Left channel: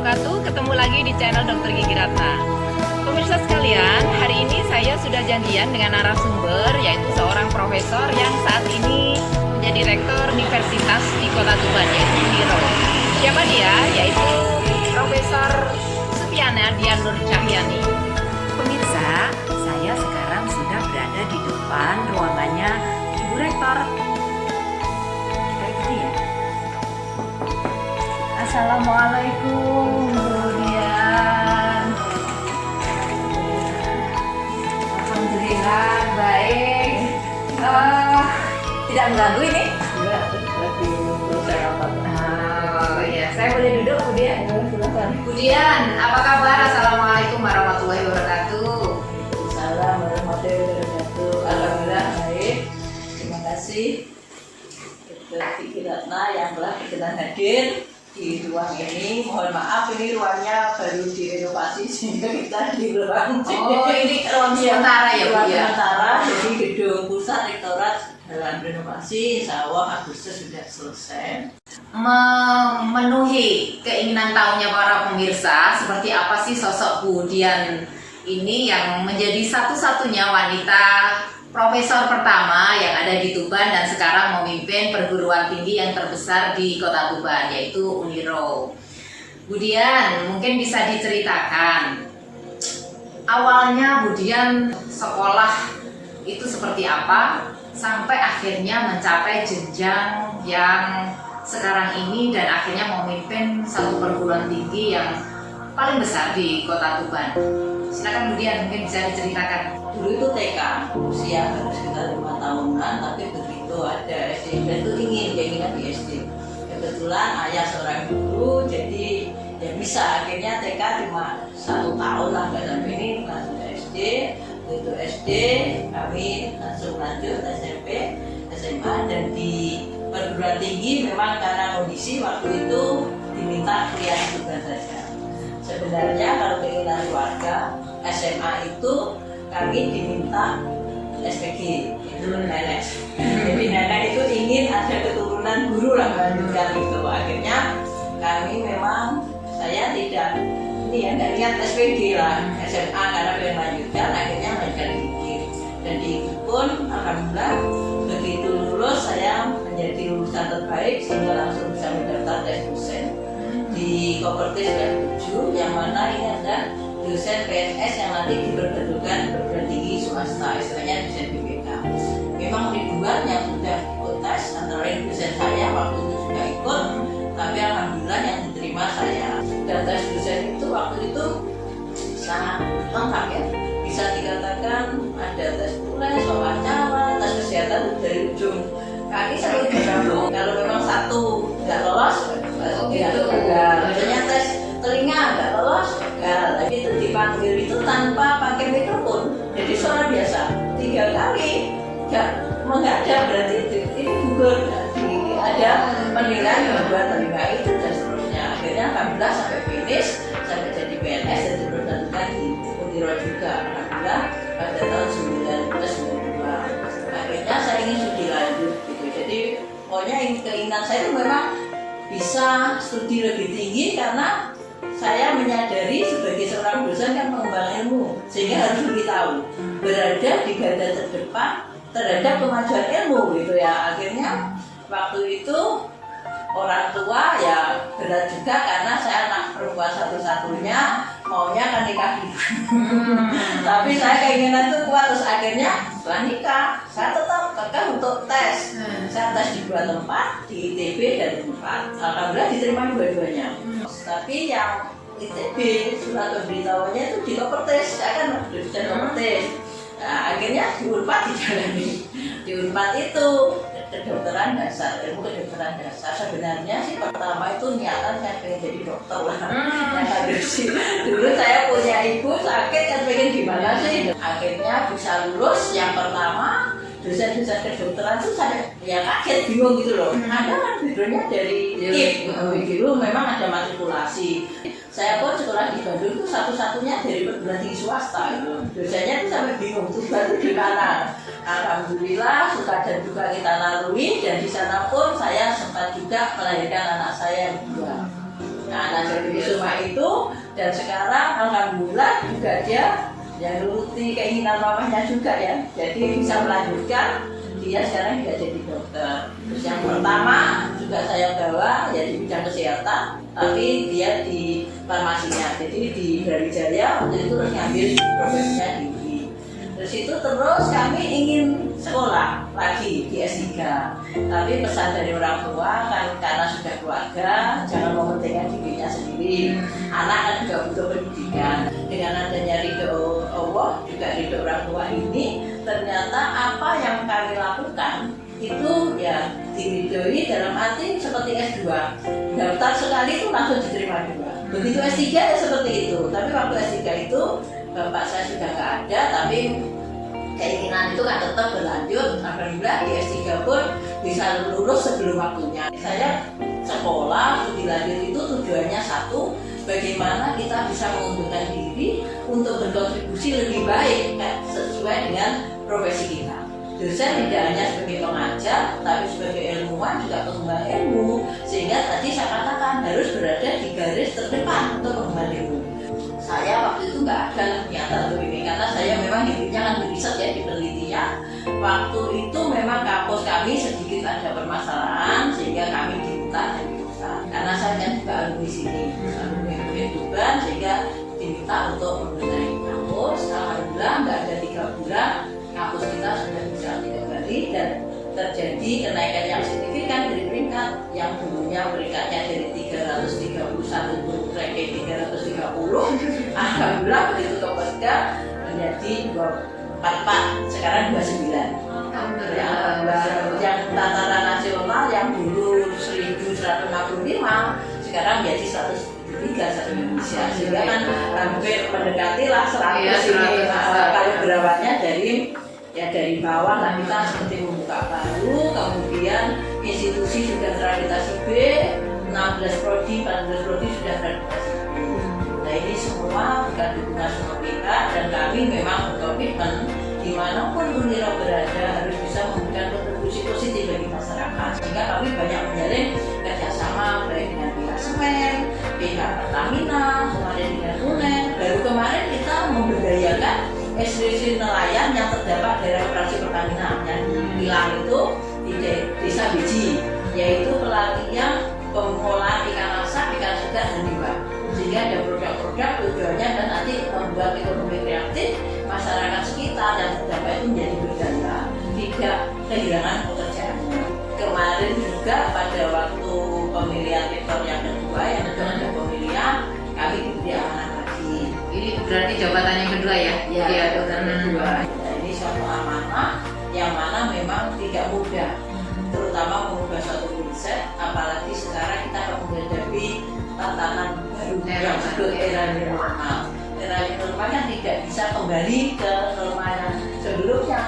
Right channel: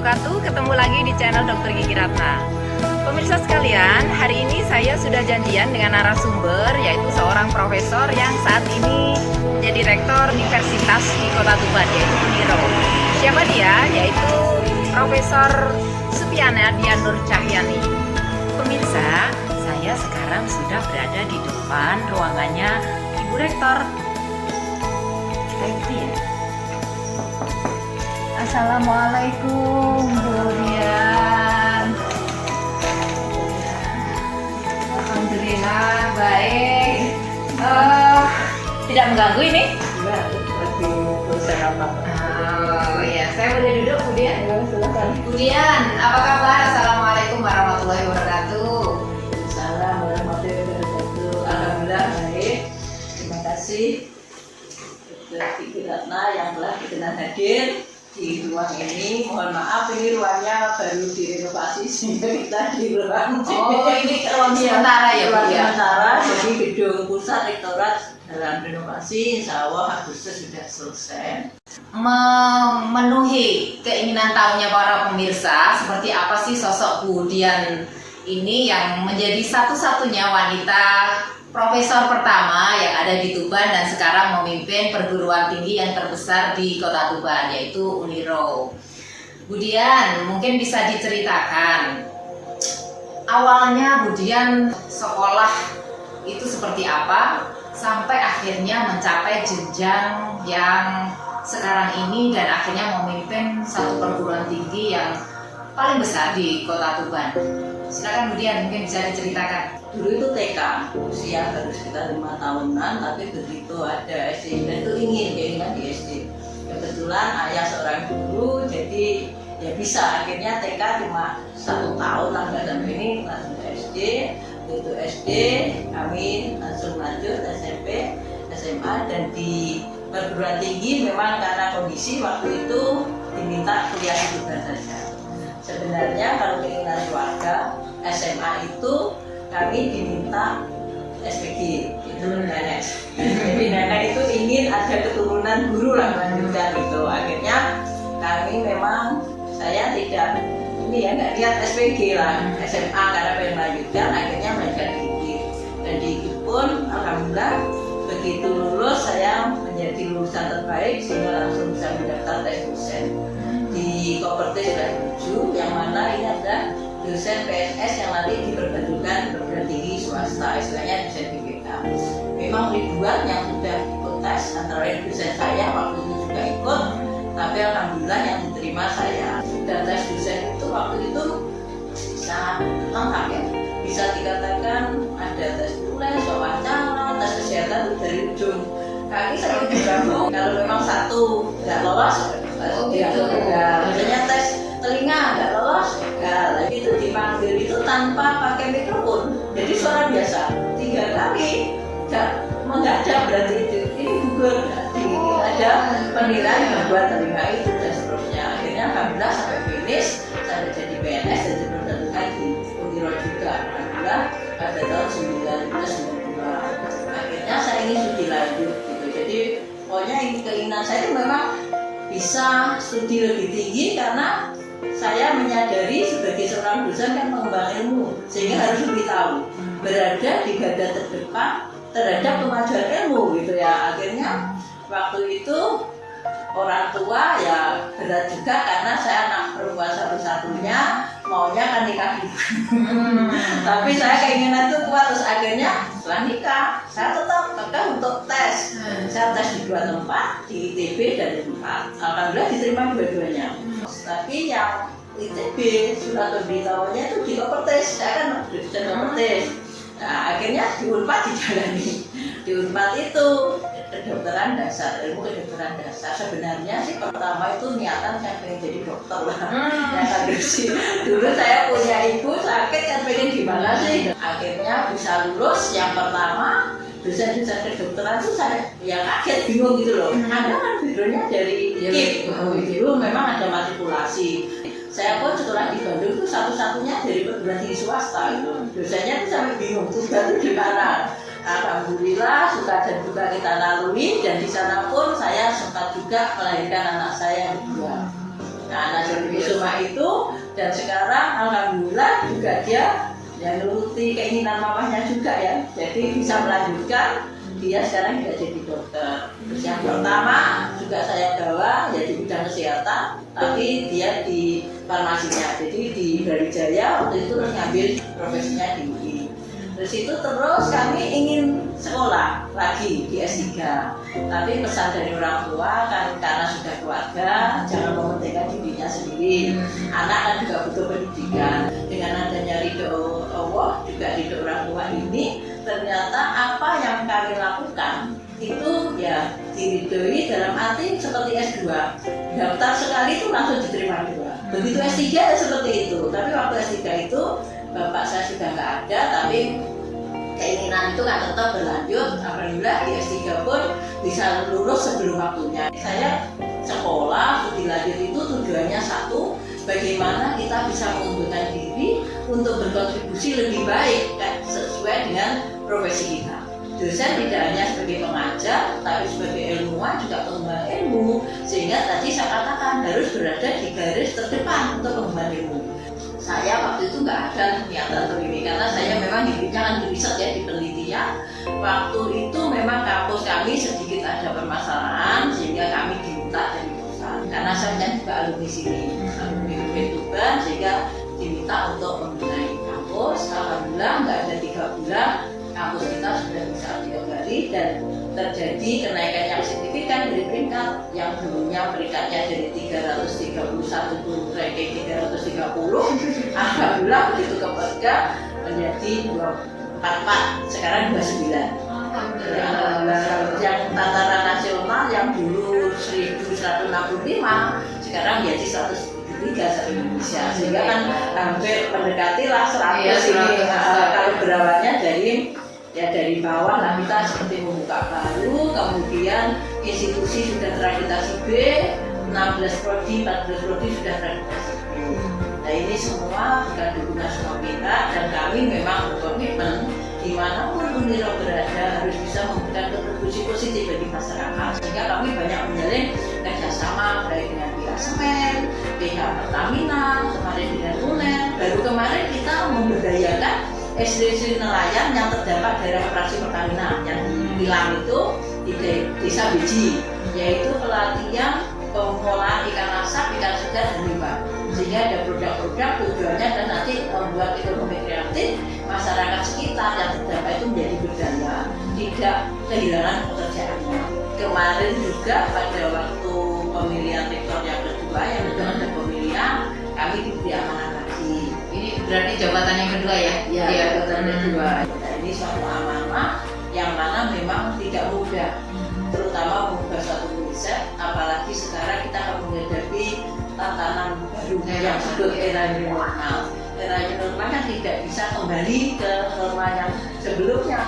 wabarakatuh. Ketemu lagi di channel Dr. Gigi Ratna. Pemirsa sekalian, hari ini saya sudah janjian dengan narasumber, yaitu seorang profesor yang saat ini menjadi rektor universitas di Kota Tuban, yaitu Uniro. Siapa dia? Yaitu Profesor Supiana Dian Nur Cahyani. Pemirsa, saya sekarang sudah berada di depan ruangannya Ibu Rektor. Kita ikuti ya. Assalamualaikum Bu Dian. Alhamdulillah baik. Tidak mengganggu ini? Enggak, lagi selesai rapat. Oh iya, saya boleh duduk Bu Dian? Ya, silakan. Bu Dian, apa kabar? Assalamualaikum warahmatullahi wabarakatuh. Waalaikumsalam warahmatullahi wabarakatuh. Alhamdulillah baik. Terima kasih Dr. Gigi Ratna yang telah berkenan hadir di ruang ini. Mohon maaf, ini ruangnya baru direnovasi sehingga kita di ruang Oh, ini ruang sementara ya Bu ruang Dian? sementara, jadi gedung pusat rektorat dalam renovasi. Insya Allah Agustus sudah selesai. Memenuhi keinginan tahunya para pemirsa, seperti apa sih sosok Bu Dian ini yang menjadi satu-satunya wanita profesor pertama yang ada di Tuban dan sekarang memimpin perguruan tinggi yang terbesar di Kota Tuban, yaitu Uniro. Bu Dian, mungkin bisa diceritakan awalnya Bu Dian sekolah itu seperti apa sampai akhirnya mencapai jenjang yang sekarang ini dan akhirnya memimpin satu perguruan tinggi yang paling besar di Kota Tuban. Silakan Bu Dian, mungkin bisa diceritakan. Dulu itu TK, usia baru sekitar 5 tahunan, tapi begitu ada SD, dan itu keinginan di SD. Kebetulan ayah seorang guru, jadi ya bisa, akhirnya TK cuma 1 tahun lah, nggak sampai ini, langsung ke SD. Begitu SD, kami langsung lanjut SMP, SMA, dan di perguruan tinggi memang karena kondisi waktu itu diminta kuliah juga saja. Sebenarnya kalau keinginan keluarga, SMA itu kami diminta SPG, itu nenek. Jadi nenek itu ingin ada keturunan guru lah melanjutkan itu. Akhirnya kami memang, saya tidak ini ya, nggak lihat SPG lah, SMA karena pengen melanjutkan. Akhirnya melanjutkan tinggi, dan di itu pun alhamdulillah begitu lulus saya menjadi lulusan terbaik sehingga langsung bisa mendaftar tes dosen di Kopertis dan 7, yang mana ini adalah dosen PNS yang nanti diperbantukan perguruan tinggi swasta, istilahnya dosen BPK. Memang ribuan yang sudah ikut tes, antara lain dosen saya waktu itu juga ikut, tapi alhamdulillah yang diterima saya. Dan tes dosen itu waktu itu sangat lengkap ya, bisa dikatakan ada tes tulis, wawancara, tes kesehatan dari ujung kaki sampai ujung rambut. Kalau memang satu nggak lolos, maksudnya tes telinga nggak lolos, gagal. Itu dipanggil itu tanpa pakai mikrofon, jadi suara biasa 3 kali nggak menghadap, berarti ini gugur. Jadi ada penilaian gangguan telinga itu dan seterusnya. Akhirnya alhamdulillah sampai finish, sampai jadi PNS dan diperbantukan di Uniro juga. Alhamdulillah pada tahun 1992. Akhirnya saya ingin studi lanjut gitu. Jadi pokoknya keinginan saya itu memang bisa studi lebih tinggi karena saya menyadari sebagai seorang dosen kan mengembangkan ilmu, sehingga harus lebih tahu, berada di garda terdepan terhadap kemajuan ilmu gitu ya. Akhirnya waktu itu orang tua ya berat juga karena saya anak perempuan satu-satunya, maunya kan nikah dulu. Tapi saya keinginan itu kuat, terus akhirnya setelah nikah saya tetap kekeh untuk tes. Saya tes di 2 tempat, di ITB dan di 4. Alhamdulillah diterima dua-duanya. Tapi yang ITB surat pemberitahuannya itu di Kopertis, saya kan dosen Kopertis. Nah, akhirnya di Unpad dijalani. Di Unpad itu kedokteran dasar, ilmu kedokteran dasar. Sebenarnya sih pertama itu niatan saya pengen jadi dokter lah. Dulu saya punya ibu sakit kan pengen gimana sih. Akhirnya bisa lulus yang pertama. Dosen-dosen kedokteran tuh saya ya kaget, bingung gitu loh. Ada kan backgroundnya dari KIP, dulu memang ada matrikulasi. Saya pun sekolah di Bandung itu satu-satunya dari perguruan tinggi swasta itu. Dosennya tuh sampai bingung, terus baru di mana? Alhamdulillah suka dan duka kita lalui, dan di sana pun saya sempat juga melahirkan anak saya yang kedua. Nah jadi Kusuma itu, dan sekarang alhamdulillah juga dia ya nuruti keinginan mamanya juga ya, jadi bisa melanjutkan. Dia sekarang juga jadi dokter. Terus yang pertama juga saya bawa ya di bidang kesehatan, tapi dia di farmasinya, jadi di Brawijaya waktu itu terus ngambil profesinya di UI. Terus itu terus kami ingin sekolah lagi di S3, tapi pesan dari orang tua kan karena sudah keluarga jangan mementingkan dirinya sendiri, anak kan juga butuh pendidikan. Dengan adanya ridho Allah juga ridho orang tua ini, ternyata apa yang kami lakukan itu ya diridhoi dalam arti seperti S2, daftar sekali itu langsung diterima 2. Begitu S3 ya seperti itu, tapi waktu S3 itu bapak saya sudah nggak ada, tapi keinginan itu kan tetap berlanjut. Alhamdulillah di S3 pun bisa lulus sebelum waktunya. Saya sekolah studi lanjut itu tujuannya satu, bagaimana kita bisa mengundurkan diri untuk berkontribusi lebih baik sesuai dengan profesi kita. Dosen tidak hanya sebagai pengajar, tapi sebagai ilmuwan juga pengemban ilmu, sehingga tadi saya katakan harus berada di garis terdepan untuk pengemban ilmu. Saya waktu itu nggak ada niatan untuk ini, karena saya memang hidupnya kan di riset ya, di penelitian. Waktu itu memang kampus kami sedikit ada permasalahan, sehingga kami diminta jadi dosen. Karena saya kan juga alumni sini, alumni Tuban, sehingga diminta untuk membenahi kampus. Alhamdulillah nggak ada 3 bulan, kampus kita sudah bisa dikembali dan terjadi kenaikan yang signifikan dari peringkat yang dulunya peringkatnya dari 331 turun ranking 330. Alhamdulillah begitu kepegang menjadi 44, sekarang 29. Yang tataran nasional yang dulu 1165 sekarang menjadi 173 se-Indonesia, sehingga kan hampir mendekati lah 100 ini. Kalau berawalnya dari bawah lah, kita seperti membuka baru, kemudian institusi sudah terakreditasi B, 16 prodi, 14 prodi sudah terakreditasi B. Nah ini semua bukan dukungan semua kita, dan kami memang berkomitmen dimanapun Uniro berada harus bisa memberikan kontribusi positif bagi masyarakat, sehingga kami banyak menjalin kerjasama baik dengan pihak Semen, pihak Pertamina, kemarin dengan UNER. Baru kemarin kita memberdayakan ekspedisi nelayan yang terdapat daerah operasi Pertamina yang di Pilang itu di Desa Beji, yaitu pelatihan pengolahan ikan asap, ikan segar, dan limbah, sehingga ada produk-produk tujuannya dan nanti membuat ekonomi kreatif masyarakat sekitar yang terdampak itu menjadi berdaya, tidak kehilangan pekerjaannya. Kemarin juga pada waktu pemilihan rektor yang kedua, yang kedua ada pemilihan, kami diberi amanah lagi. Ini berarti jabatan yang kedua ya? Ya, jabatan yang kedua. Nah, ini suatu amanah yang mana memang tidak mudah, terutama mengubah satu konsep, apalagi sekarang kita akan menghadapi tatanan baru yang disebut era new normal. Era new normal kan tidak bisa kembali ke normal yang sebelumnya,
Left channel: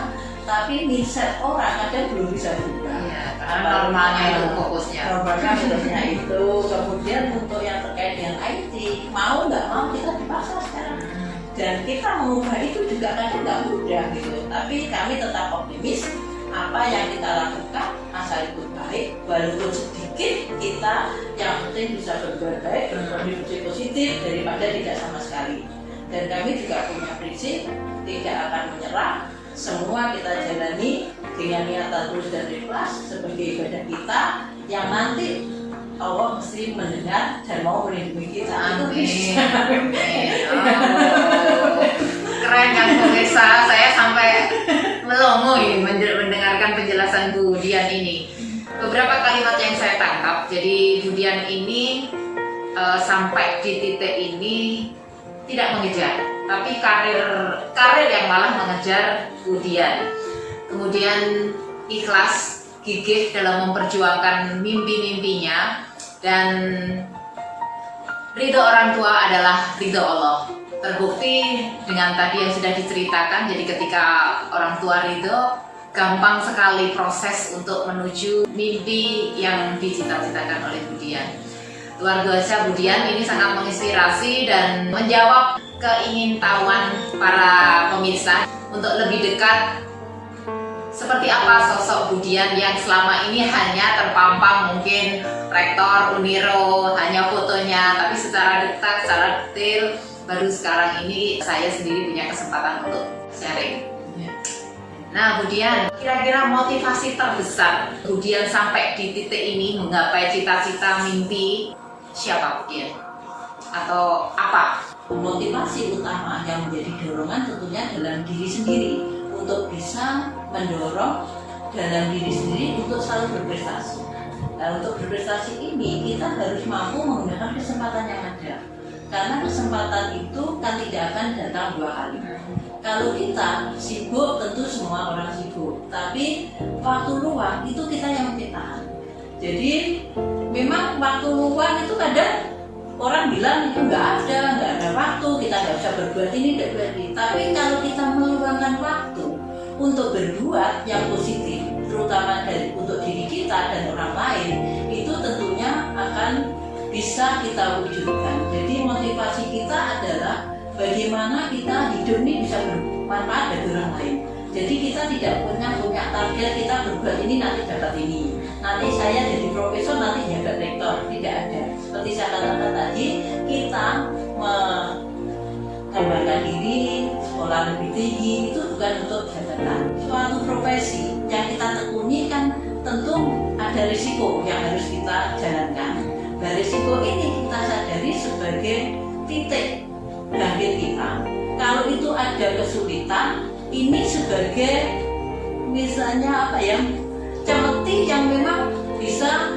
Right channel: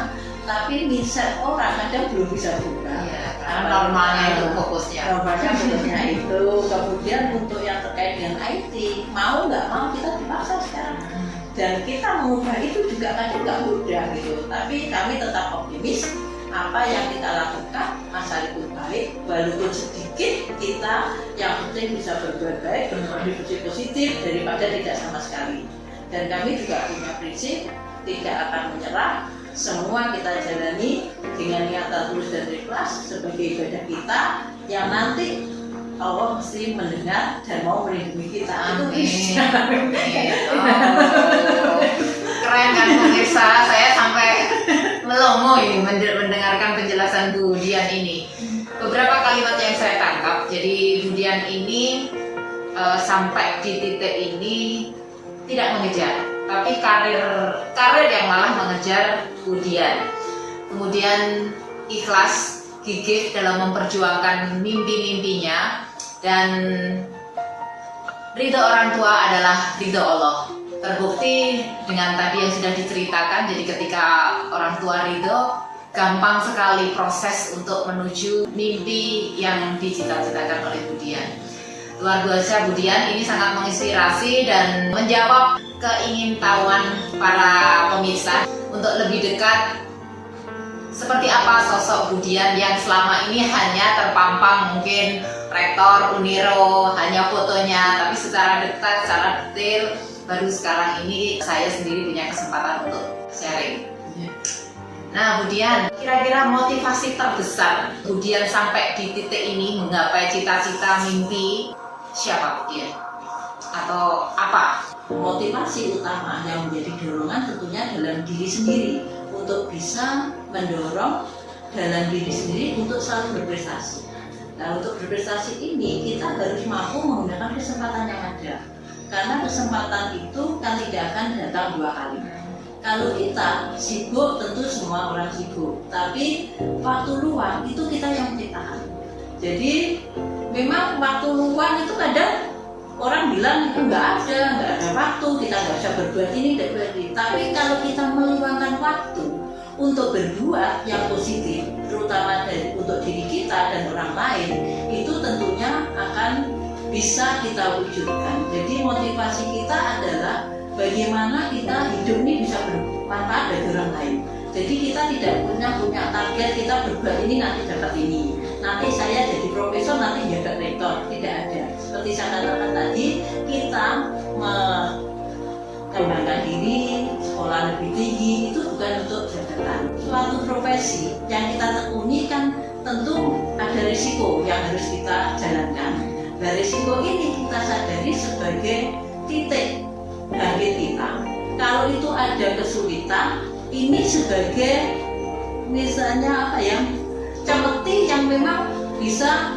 tapi mindset orang kadang belum bisa berubah. Iya, karena normalnya itu fokusnya. Normalnya fokusnya itu. Kemudian untuk yang terkait dengan IT, mau nggak mau kita dipaksa sekarang. Dan kita mengubah itu juga kadang nggak mudah gitu. Tapi kami tetap optimis, apa yang kita lakukan asal itu baik, walaupun sedikit kita yang penting bisa berbuat baik, berkontribusi positif daripada tidak sama sekali. Dan kami juga punya prinsip tidak akan menyerah, semua kita jalani dengan niatan tulus dan ikhlas sebagai ibadah kita yang nanti Allah mesti mendengar dan mau melindungi kita. Itu bisa. Keren kan pemirsa, saya sampai melongo ini mendengarkan penjelasan Bu Dian ini. Beberapa kalimat yang saya tangkap, jadi Bu Dian ini sampai di titik ini tidak mengejar, tapi karir yang malah mengejar Bu Dian. Kemudian ikhlas, gigih dalam memperjuangkan mimpi-mimpinya, dan ridho orang tua adalah ridho Allah. Terbukti dengan tadi yang sudah diceritakan, jadi ketika orang tua ridho, gampang sekali proses untuk menuju mimpi yang dicita-citakan oleh Bu Dian. Luar biasa Bu Dian, ini sangat menginspirasi dan menjawab keingintahuan para pemirsa untuk lebih dekat Seperti apa sosok Budian yang selama ini hanya terpampang mungkin rektor Uniro, hanya fotonya, tapi secara detail baru sekarang ini saya sendiri punya kesempatan untuk sharing. Nah, Budian, kira-kira motivasi terbesar Budian sampai di titik ini menggapai cita-cita mimpi siapa Budian? Atau apa? Motivasi utama yang menjadi dorongan tentunya dalam diri sendiri untuk bisa mendorong dalam diri sendiri untuk selalu berprestasi. Nah, untuk berprestasi ini kita harus mampu menggunakan kesempatan yang ada, karena kesempatan itu kan tidak akan datang dua kali. Kalau kita sibuk, tentu semua orang sibuk, tapi waktu luang itu kita yang menciptakan. Jadi memang waktu luang itu kadang orang bilang itu nggak ada waktu, kita nggak bisa berbuat ini, nggak berbuat ini. Tapi kalau kita meluangkan waktu untuk berbuat yang positif, terutama untuk diri kita dan orang lain, itu tentunya akan bisa kita wujudkan. Jadi motivasi kita adalah bagaimana kita hidup ini bisa bermanfaat bagi orang lain. Jadi kita tidak punya target kita berbuat ini nanti dapat ini. Nanti saya jadi profesor, nanti jadi rektor, tidak ada. Seperti saya katakan tadi, kita mengembangkan diri, sekolah lebih tinggi itu bukan untuk jabatan. Suatu profesi yang kita tekuni kan tentu ada risiko yang harus kita jalankan. Nah, risiko ini kita sadari sebagai titik bangkit kita. Kalau itu ada kesulitan, ini sebagai misalnya cemeti yang memang bisa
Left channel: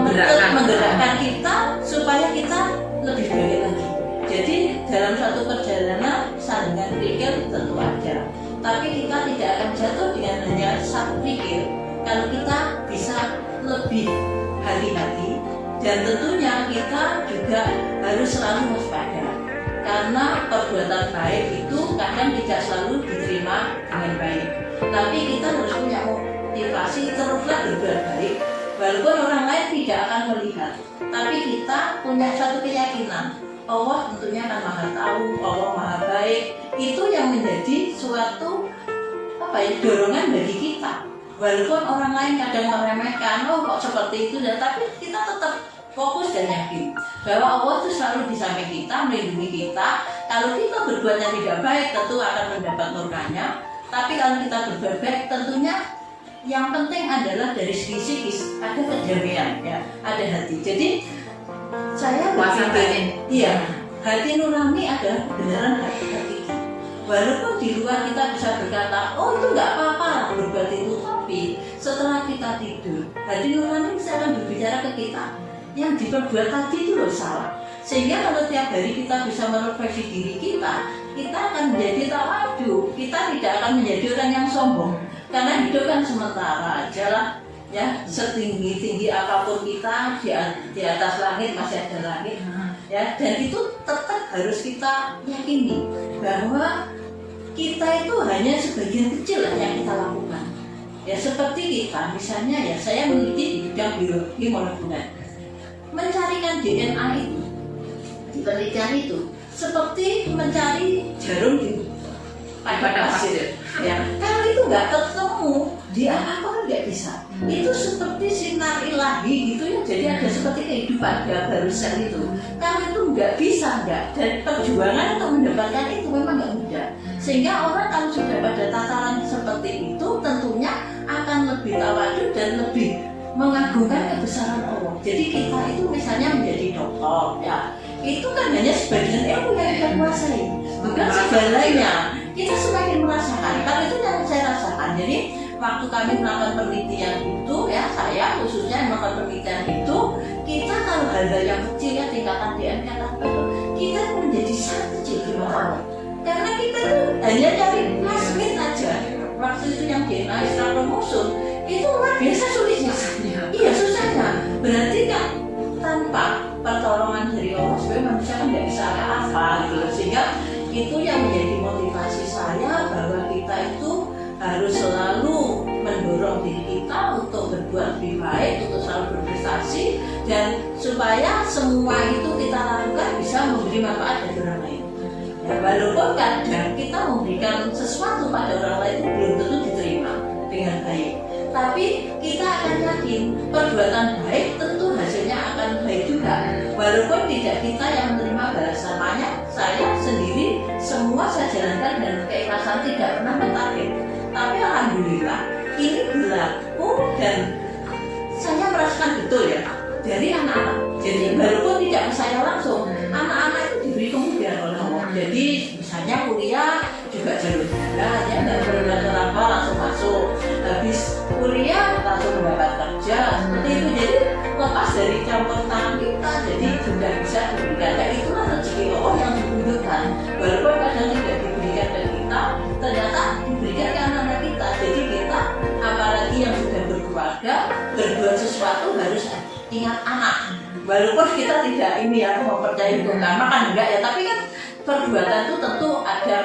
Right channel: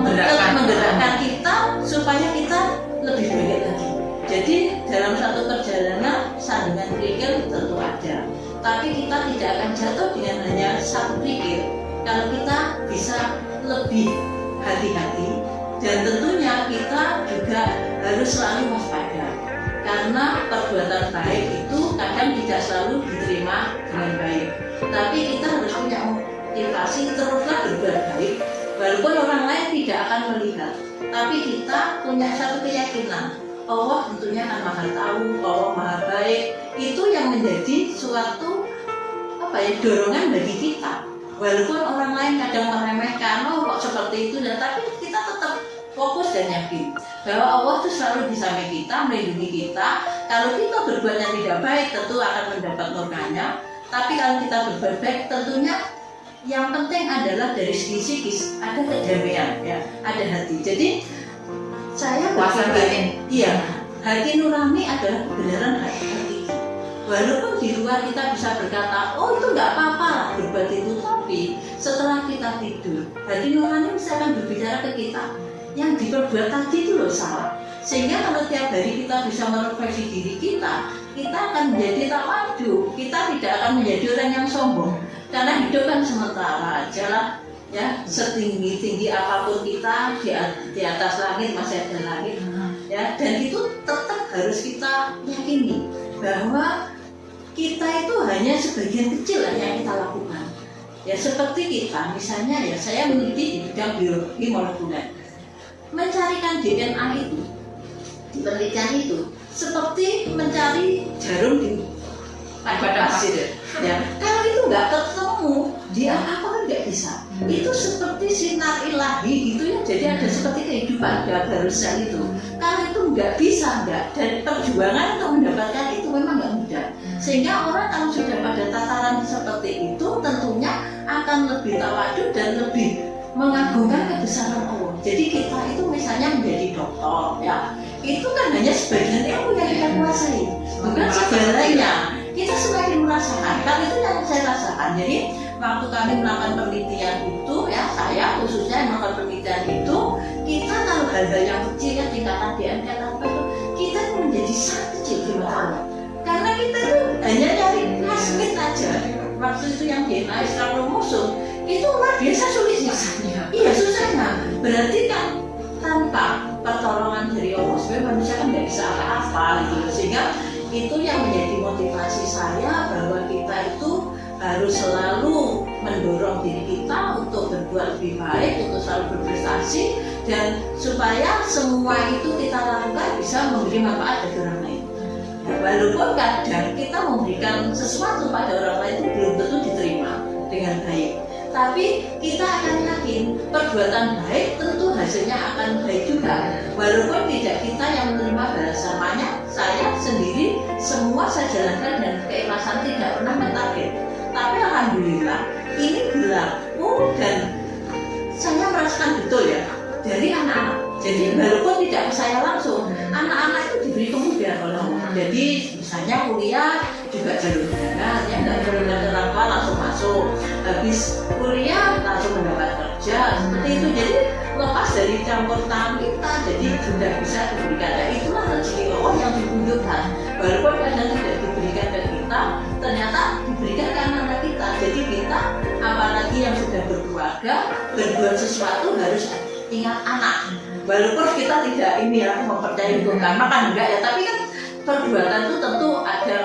menggerakkan kita supaya kita lebih baik lagi. Jadi dalam satu perjalanan sandungan kerikil tentu ada, tapi kita tidak akan jatuh dengan hanya satu kerikil. Kalau kita bisa lebih hati-hati, dan tentunya kita juga harus selalu waspada, karena perbuatan baik itu kadang tidak selalu diterima dengan baik. Tapi kita harus punya motivasi teruslah berbuat baik, walaupun orang lain tidak akan melihat. Tapi kita punya satu keyakinan, Allah tentunya akan maha tahu, Allah maha baik. Itu yang menjadi suatu dorongan bagi kita. Walaupun orang lain kadang meremehkan, oh kok seperti itu, dan tapi kita tetap fokus dan yakin bahwa Allah itu selalu di samping kita, melindungi kita. Kalau kita berbuat yang tidak baik, tentu akan mendapat murkanya. Tapi kalau kita berbuat baik, tentunya yang penting adalah dari segi psikis ada kedamaian, ya, ada hati. Jadi saya berpikir, iya, hati nurani adalah kebenaran hati. Walaupun di luar kita bisa berkata, oh itu nggak apa-apa berbuat itu, tapi setelah kita tidur, hati nurani bisa akan berbicara ke kita, yang diperbuat tadi itu loh salah. Sehingga kalau tiap hari kita bisa merefleksi diri kita akan menjadi tawadu. Kita tidak akan menjadi orang yang sombong, karena hidup kan sementara aja lah, ya. Setinggi apapun kita di atas langit masih ada langit, ya. Dan itu tetap harus kita yakini bahwa kita itu hanya sebagian kecil yang kita lakukan. Ya seperti kita, misalnya ya, saya meneliti di bidang biologi molekuler, mencarikan DNA itu di penelitian itu seperti mencari jarum di pada pasir. Ya, kalau itu nggak ketemu, dia apa kan nggak bisa. Itu seperti sinar ilahi gitu ya. Jadi ada seperti kehidupan baru sel itu. Kalau itu nggak bisa, dan perjuangan untuk mendapatkan itu memang nggak mudah. Sehingga orang kalau sudah pada tataran seperti itu, tentunya akan lebih tawadu dan lebih mengagungkan kebesaran Allah. Jadi kita itu misalnya menjadi dokter, ya, itu kan hanya sebagian ilmu yang kita kuasai, bukan segalanya. Kita semakin merasakan. Kalau itu yang saya rasakan. Jadi waktu kami melakukan penelitian itu, ya, saya khususnya melakukan penelitian itu, kita kalau hal-hal yang kecil, ya, tingkatan DNA apa itu, kita menjadi sangat kecil di mata Allah. Karena kita itu hanya cari plasmid aja. Waktu itu yang DNA extra kromosom itu luar biasa sulitnya. Iya, susahnya. Berarti kan tanpa pertolongan dari Allah sebenarnya manusia kan nggak bisa apa-apa gitu. Sehingga itu yang menjadi motivasi saya, bahwa kita itu harus selalu mendorong diri kita untuk berbuat lebih baik, untuk selalu berprestasi, dan supaya semua itu kita lakukan bisa memberi manfaat bagi orang lain. Ya, walaupun kadang kita memberikan sesuatu pada orang lain itu belum tentu diterima dengan baik, tapi kita akan yakin perbuatan baik tentu hasilnya akan baik juga, walaupun tidak kita yang menerima balasannya. Saya sendiri semua saya jalankan dan keikhlasan, tidak pernah mentarget, tapi alhamdulillah ini berlaku dan saya merasakan betul ya dari anak-anak. Jadi walaupun tidak ke saya langsung, anak-anak itu diberi kemudahan oleh Allah. Jadi misalnya kuliah juga jalur darat, ya nggak perlu orang tua langsung masuk, habis kuliah langsung mendapat kerja seperti itu. Jadi lepas dari campur tangan kita, jadi sudah bisa diberikan. Dan itulah rezeki Allah yang ditunjukkan. Walaupun kadang tidak diberikan ke kita, ternyata diberikan ke anak-anak kita. Jadi kita apalagi yang sudah berkeluarga, berbuat sesuatu harus ingat anak. Walaupun kita tidak ini ya mempercayai hukum karma kan enggak ya, tapi kan perbuatan itu tentu ada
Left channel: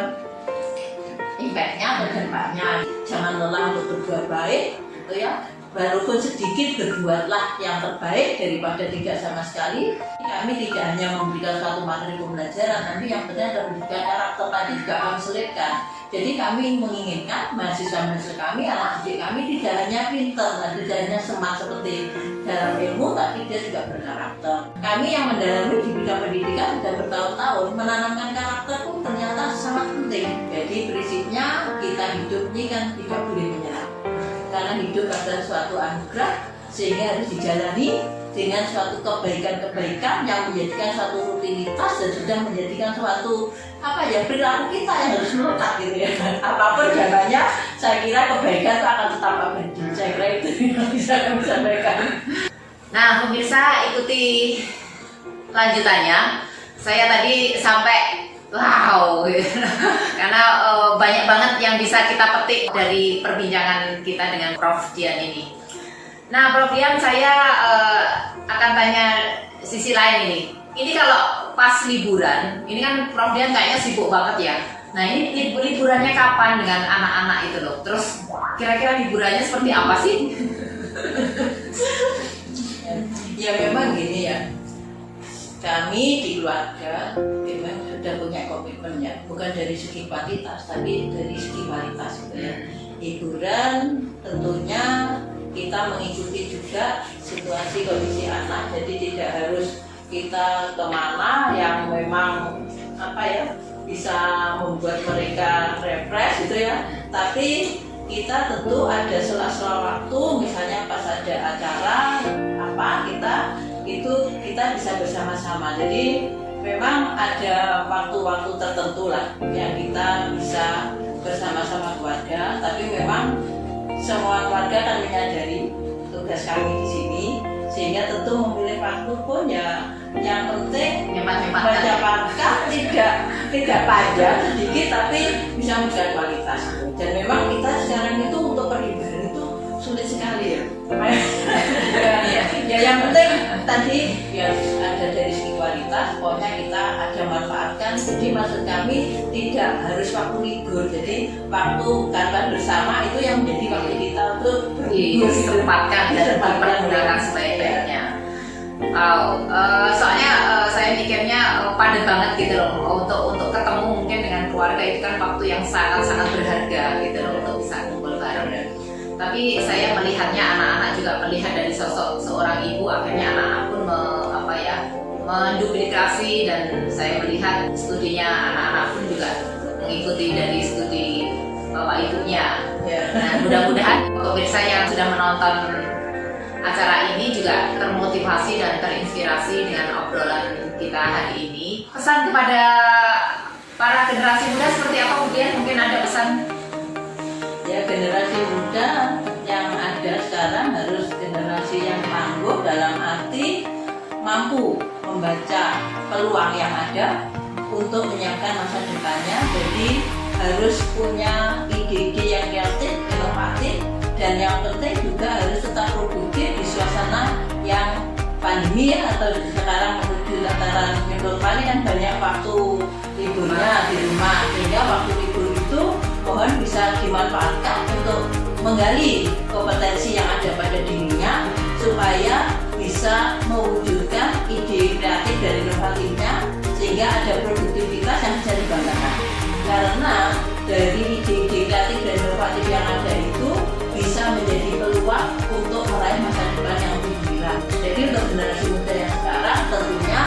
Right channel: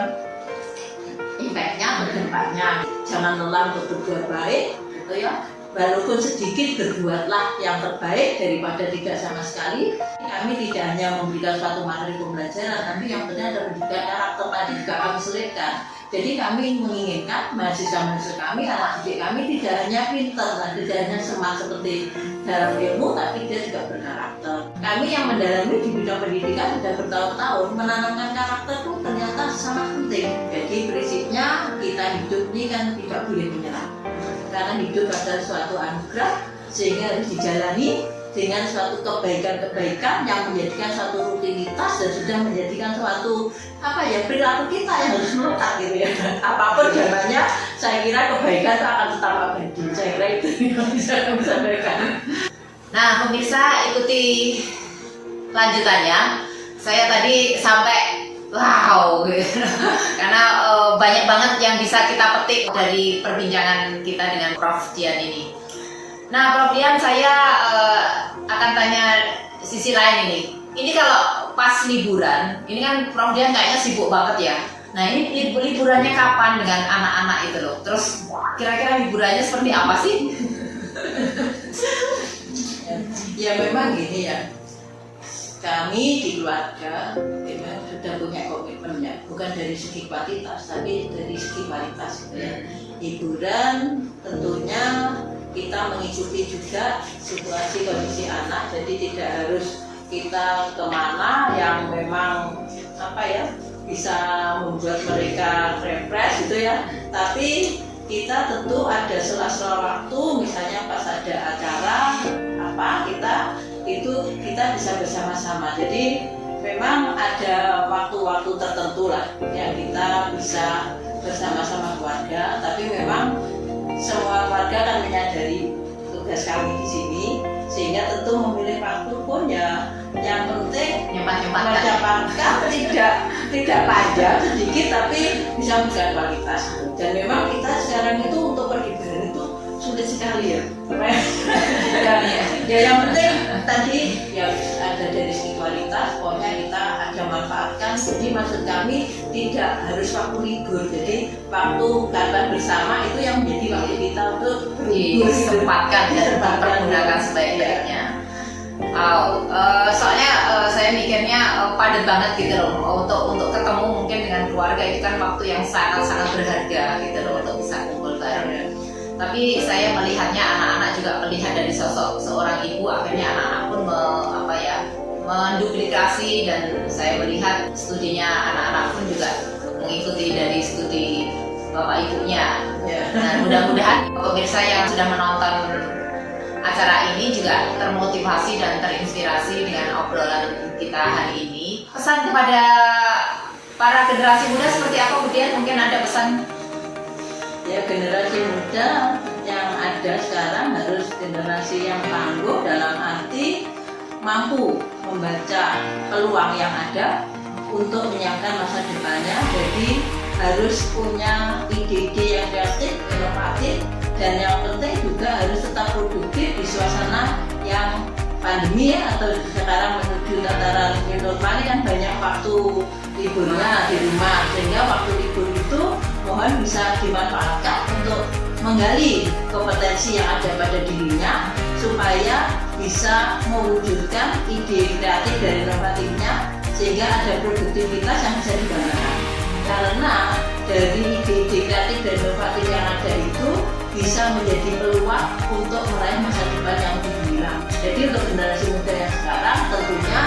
impactnya atau dampaknya. Jangan lelah untuk berbuat baik, gitu ya. Walaupun sedikit, berbuatlah yang terbaik daripada tidak sama sekali. Kami tidak hanya memberikan suatu materi pembelajaran, tapi yang benar adalah memberikan karakter tadi juga kami selipkan. Jadi kami menginginkan mahasiswa-mahasiswa kami, anak didik kami tidak hanya pintar, tidak hanya smart seperti dalam ilmu, tapi dia juga berkarakter. Kami yang mendalami di bidang pendidikan sudah bertahun-tahun, menanamkan karakter itu ternyata sangat penting. Jadi prinsipnya kita hidup ini kan tidak boleh menyerah, karena hidup adalah suatu anugerah, sehingga harus dijalani dengan suatu kebaikan-kebaikan yang menjadikan suatu rutinitas dan sudah menjadikan suatu perilaku kita yang harus melekat gitu ya. Apapun jalannya, saya kira kebaikan itu akan tetap abadi. Saya kira itu yang bisa kami sampaikan. Nah pemirsa, ikuti lanjutannya. Saya tadi sampai wow gitu. Karena banyak banget yang bisa kita petik dari perbincangan kita dengan Prof. Dian ini. Nah Prof. Dian, saya akan tanya sisi lain ini. Ini kalau pas liburan, ini kan Prof. Dian kayaknya sibuk banget ya. Nah ini liburannya kapan dengan anak-anak itu loh? Terus kira-kira liburannya seperti apa sih? Ya memang gini ya, kami di keluarga memang sudah punya komitmen ya, bukan dari segi kuantitas tapi dari segi kualitas gitu ya. Hiburan tentunya kita mengikuti juga situasi kondisi anak, jadi tidak harus kita kemana yang memang bisa membuat mereka refresh gitu ya, tapi kita tentu ada sela-sela waktu, misalnya pas ada acara kita bisa bersama-sama. Jadi memang ada waktu-waktu tertentu lah yang kita bisa bersama-sama keluarga, tapi memang semua keluarga kan menyadari tugas kami di sini, sehingga tentu memilih waktu pun ya yang penting mencapai tidak panjang sedikit tapi bisa memberikan kualitas. Dan memang kita sekarang itu untuk perhiburan itu sulit sekali ya. Ya yang penting tadi ya ada dari segi kualitas, pokoknya kita ada manfaatkan. Jadi maksud kami tidak harus waktu libur, jadi waktu kalian bersama itu yang menjadi waktu kita untuk disempatkan dan dipergunakan sebaik-baiknya. Soalnya saya mikirnya padat banget gitu loh, untuk ketemu mungkin dengan keluarga itu kan waktu yang sangat-sangat berharga gitu loh untuk bisa kumpul bareng. Tapi saya melihatnya anak-anak juga melihat dari sosok seorang ibu, akhirnya anak-anak pun menduplikasi, dan saya melihat studinya anak-anak pun juga mengikuti dari studi bapak ibunya. Nah, mudah-mudahan pemirsa yang sudah menonton acara ini juga termotivasi dan terinspirasi dengan obrolan kita hari ini. Pesan kepada para generasi muda seperti apa, Bu Dian? Mungkin ada pesan? Ya, generasi muda yang ada sekarang harus generasi yang tangguh, dalam arti mampu membaca peluang yang ada untuk menyiapkan masa depannya. Jadi harus punya ide-ide yang kreatif, inovatif, dan yang penting juga harus tetap produktif di suasana yang pandemi ya, atau sekarang menuju tataran new normal kan banyak waktu liburnya di rumah, sehingga waktu libur itu mohon bisa dimanfaatkan untuk menggali kompetensi yang ada pada dirinya supaya bisa mewujudkan ide kreatif dan inovatifnya, sehingga ada produktivitas yang bisa dibanggakan. karena dari ide-ide kreatif dan inovatif yang ada itu bisa menjadi peluang untuk meraih masa depan yang lebih gemilang. Jadi untuk generasi muda yang sekarang tentunya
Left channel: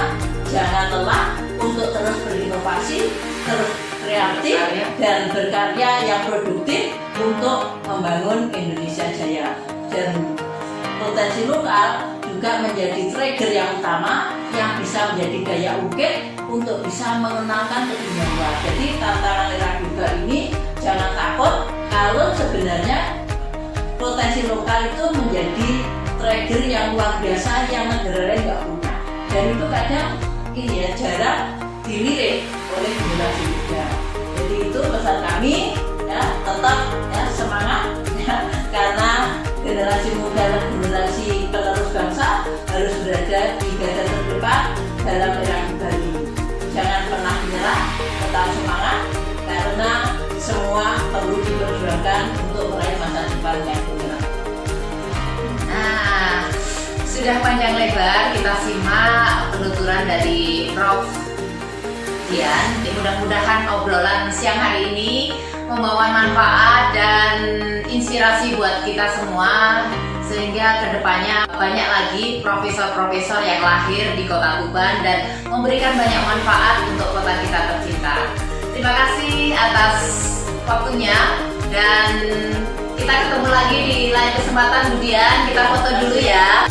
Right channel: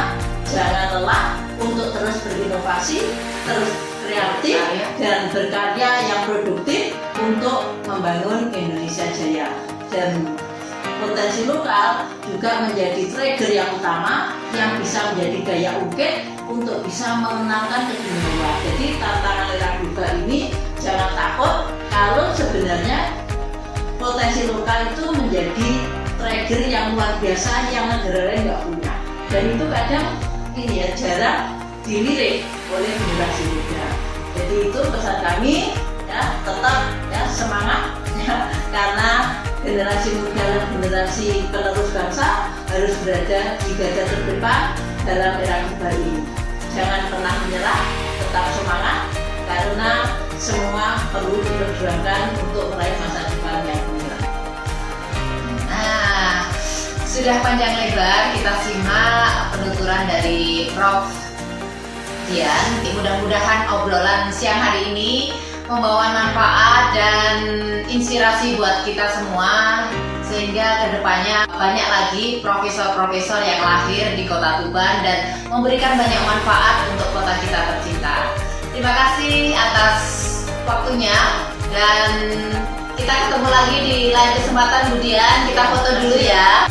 jangan lelah untuk terus berinovasi, terus kreatif dan berkarya yang produktif untuk membangun Indonesia Jaya. Dan potensi lokal juga menjadi trigger yang utama yang bisa menjadi daya ungkit untuk bisa mengenalkan ke dunia luar. Jadi tantangan era juga ini jangan takut kalau sebenarnya potensi lokal itu menjadi trigger yang luar biasa yang negara lain nggak punya. Dan itu kadang ini ya jarang dilirik oleh generasi muda. Jadi itu pesan kami ya, tetap ya semangat ya, karena generasi muda dan generasi penerus bangsa harus berada di garda terdepan dalam era kita ini. Jangan pernah menyerah, tetap semangat karena semua perlu diperjuangkan untuk meraih masa depan yang gemilang. Nah, sudah panjang lebar kita simak penuturan dari Prof. Dian. Mudah-mudahan obrolan siang hari ini membawa manfaat dan inspirasi buat kita semua, sehingga kedepannya banyak lagi profesor-profesor yang lahir di Kota Tuban dan memberikan banyak manfaat untuk kota kita tercinta. Terima kasih atas waktunya dan kita ketemu lagi di lain kesempatan. Bu Dian, kita foto dulu ya.